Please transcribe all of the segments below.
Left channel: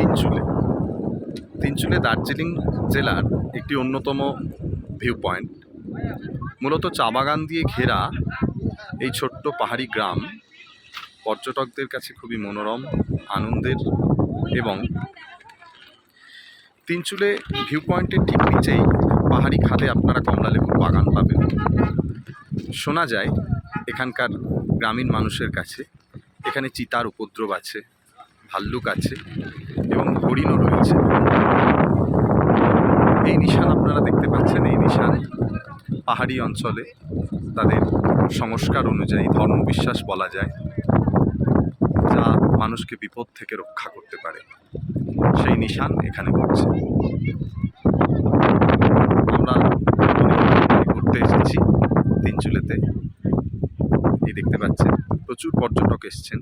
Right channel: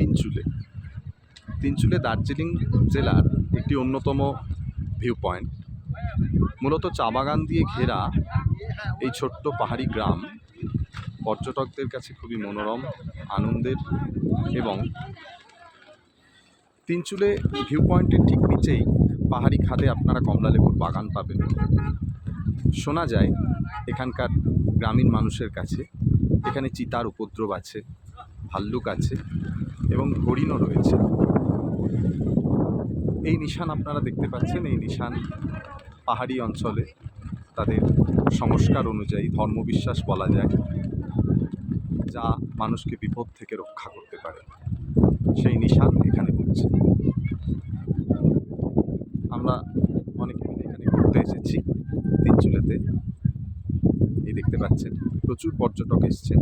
তিনচুলে তিনচুলে দার্জিলিং জেলার একটি অন্যতম ভিউ পয়েন্ট। মূলত চা বাগান দিয়ে ঘেরা এই ছোট্ট পাহাড়ি গ্রাম পর্যটকদের কাছে খুবই মনোরম, আনন্দের এবং তিনচুলে ভিউ পয়েন্টের ঠিক নিচেই পাহাড়ি খাদে আপনারা কমলালেবুর বাগান পাবেন। শোনা যায় এখানকার গ্রামীণ মানুষের কাছে এখানে চিতার উপদ্রব আছে, ভাল্লুক আছে এবং হরিণও রয়েছে। এই নিশান আপনারা দেখতে পাচ্ছেন, এই নিশান পাহাড়ি অঞ্চলে তাদের সংস্কার অনুযায়ী ধর্মবিশ্বাস বলা যায়, যা মানুষকে বিপদ থেকে রক্ষা করতে পারে, সেই নিশান এখানে পড়ছে। আমরা ঘুরতে এসেছি তিনচুলেতে। এই দেখতে পাচ্ছেন প্রচুর পর্যটক এসছেন।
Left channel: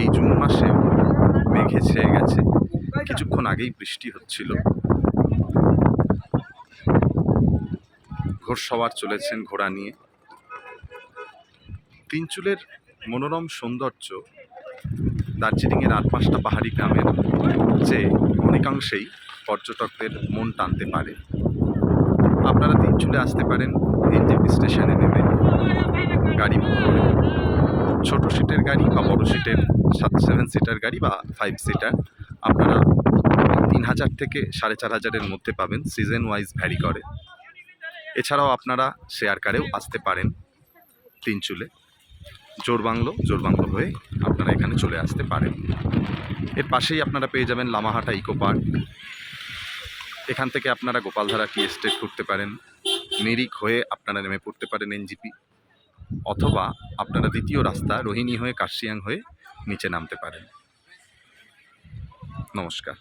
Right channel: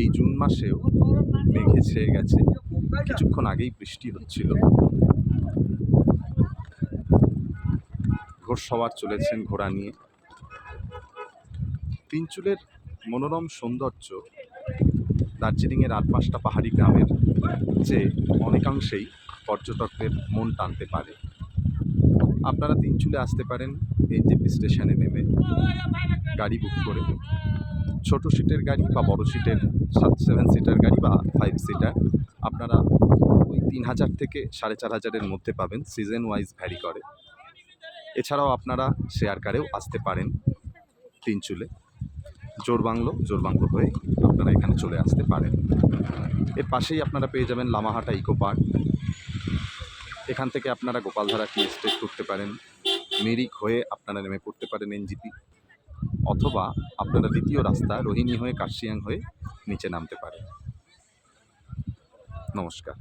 এই জুন মাসে মেঘে ছেয়ে গেছে, কিছুক্ষণ আগেই বৃষ্টি হচ্ছিল। ঘোড়সওয়ার চলেছেন ঘোড়া নিয়ে। তিনচুলের মনোরম সৌন্দর্য দার্জিলিংয়ের 8-5টা পাহাড়ি গ্রামের চেয়ে অনেকাংশেই পর্যটকদের মন টানতে পারে। আপনারা তিনচুলে আসতে পারেন এনজেপি স্টেশনে নেমে গাড়ি বুক করে। ছোট সিটের গাড়ি বা বড় সিটের 7 সিটার গাড়ি বা 5 সিটার আপনারা 3000 থেকে 4500-এর মধ্যে পাবেন, সিজন ওয়াইজ ভ্যারি করে। এছাড়াও আপনারা শেয়ার কারেও আসতে পারেন তিনচুলে। জোরবাংলো হয়ে আপনারা এখানে চলে আসতে পারেন। এর পাশেই আপনারা পেয়ে যাবেন লামাহাটা ইকো পার্ক। এখান থেকে আপনারা গোপালধারা টি এস্টেট করতে পারেন, মিরিক হয়ে আপনারা নেমে পড়তে পারেন এনজিপি, অথবা আপনারা দ্বিতীয় রাস্তা রোহিণী হয়ে কার্শিয়াং হয়ে নিচে নামতে পারেন। নমস্কার।